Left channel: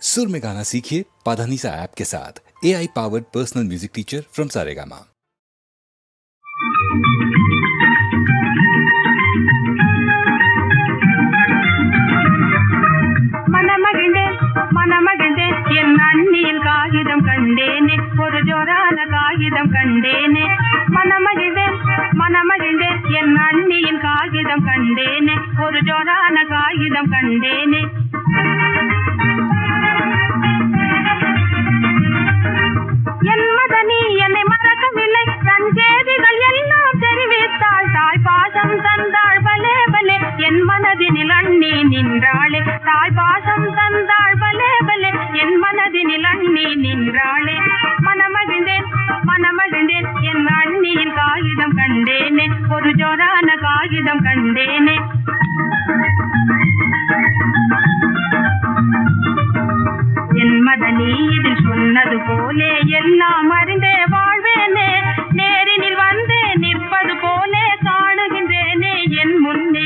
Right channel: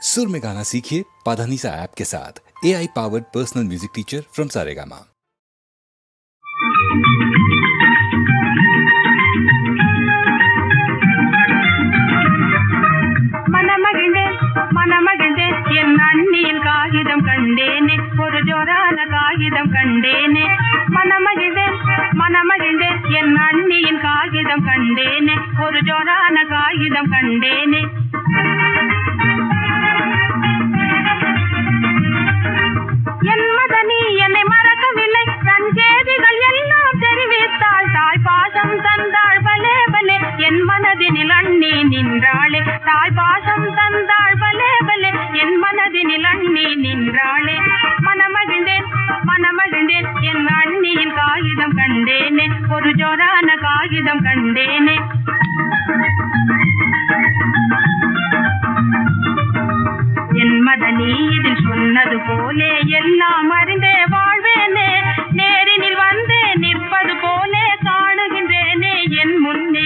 सुर में गाना सीखिए पाधानीसा ऐप के साथ। AI powered personal music teacher from Saregama. மனமகிழ்ந்தே என் அண்ணியின் காகிதம் கண்டேனே, ஒரு ஜோரான காகிதம் கண்டேனே. மனமகிழ்ந்தே என் அண்ணியின் காகிதம் கண்டேனே, ஒரு ஜோரான காகிதம் கண்டேனே. என் மதனி என்னை மறக்கவில்லை, தன் செய்திகள் எல்லாம் தெரிவித்தாள். தாய் பாசம் தந்தாள் பலே பலே, என் மனதினில் அண்ணி நின்றாளே. தாய் பாசம் தந்தாள் பலே பலே, என் மனதினில் அண்ணி நின்றாளே. மனமகிழ்ந்தேன் என் அண்ணியின் காகிதம் கண்டேனே, ஒரு ஜோரான காகிதம் கண்டேனே. என் மதனி இதில் சொன்னது போலே எல்லாம் அறிந்தே வாழ்வேனே. நேரினில் வந்தே நிற்பது போலே காணுகின்றேனே என் முன்னே.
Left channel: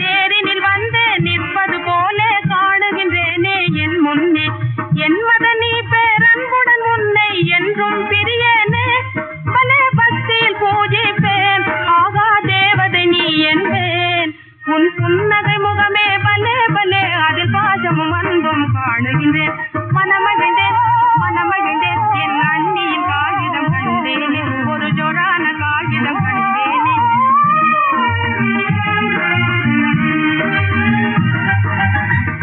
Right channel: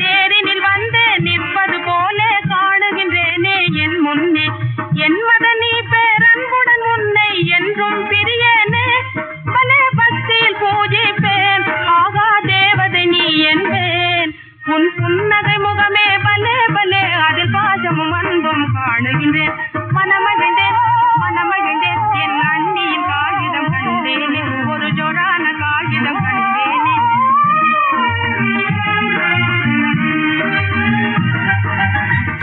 நேரினில் வந்தே நிற்பது போலே காணுகின்றேனே என் முன்னே. என் மதனி பேரன்புடன் உன்னை என்றும் பிரியேனே. பலே பக்தியில் பூஜிப்பேன், ஆகா தேவதை நீ என்பேன். உன் புன்னகை முகமே பலே பலே, அதில் பாசமும் அன்பும் காணுகின்றேன். மனமகிழ்ந்தேன் என் அண்ணியின் காகிதம் கண்டேனே, ஒரு ஜோரான காகிதம் கண்டேனே.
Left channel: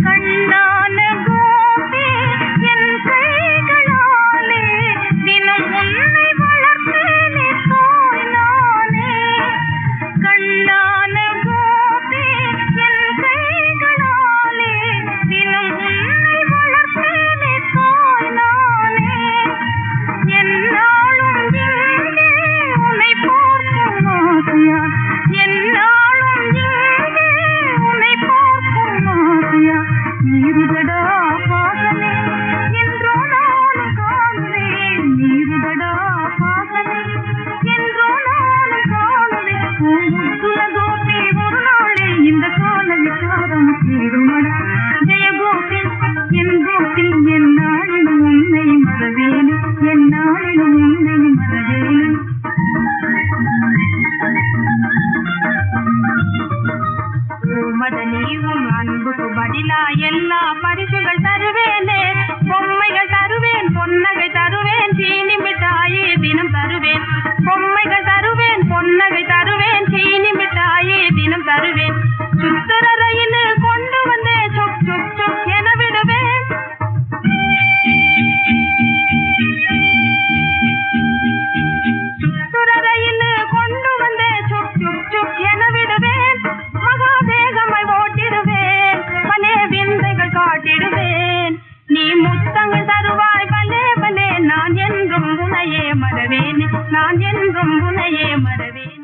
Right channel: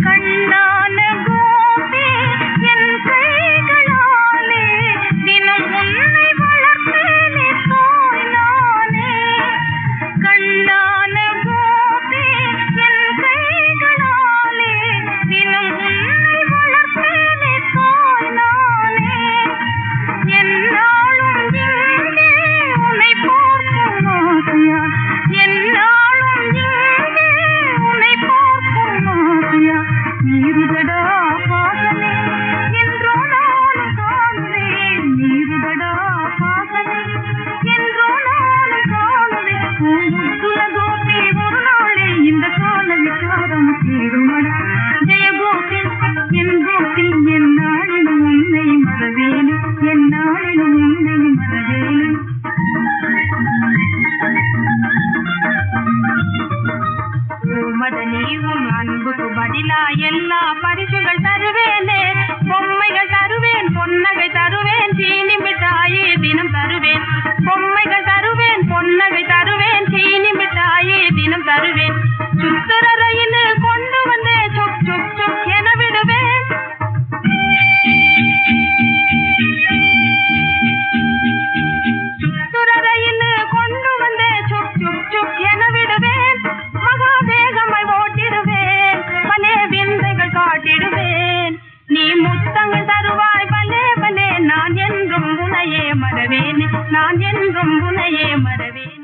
கண்ணான கோபி என் கைகளாலே தினம் உன்னை வளர்த்தேனே தோய்நானே. கண்ணான கோபி என் கைகளாலே தினம் உன்னை வளர்த்தேனே தோய்நானே. என்னாலும் இங்கே உன்னை பார்க்கும் ஆசையா, என்னாலும் இங்கே உன்னை பார்க்கும் ஆசையா. நீருதடா பாசமே என்றோ நானும் காணுவேன், நீருதடா பாசமே என்றோ நானும் காணுவேன். முத்துல கோபி ஒரு நாளே இந்த கால விசாரம் தீருமடா. ஜெய கோபி என் கோபி, என் நாளிலும் உன்னை மறவேனே, என் நாளிலும் உன்னை மறவேனே. மதனி உன் அன்புக்கு பதிலா எல்லா பரிசுகள் தருவேனே. பொம்மைகள் தருவேன், பொன்னகை தருவேன், சீனி மிட்டாயி தினம் தருவேன். பொம்மைகள் தருவேன், பொன்னகை தருவேன், சீனி மிட்டாயி தினம் தருவேன். சுத்துற ரயில் கொண்டு வந்தே சுக் சுக் சுக் என விடுவேன். சுத்துற ரயில் கொண்டு வந்தே சுக் சுக் சுக் என விடுவேன். மகா வேகமாய் ஓட்டிடுவேன், பலே விந்தைகள் காட்டிடுவேன். நீ முத்தங்கள் தருவாய் பலே பலே, நான் என்றும் உன்னையே மறவேன், நான் என்றும் உன்னையே மறவேன்.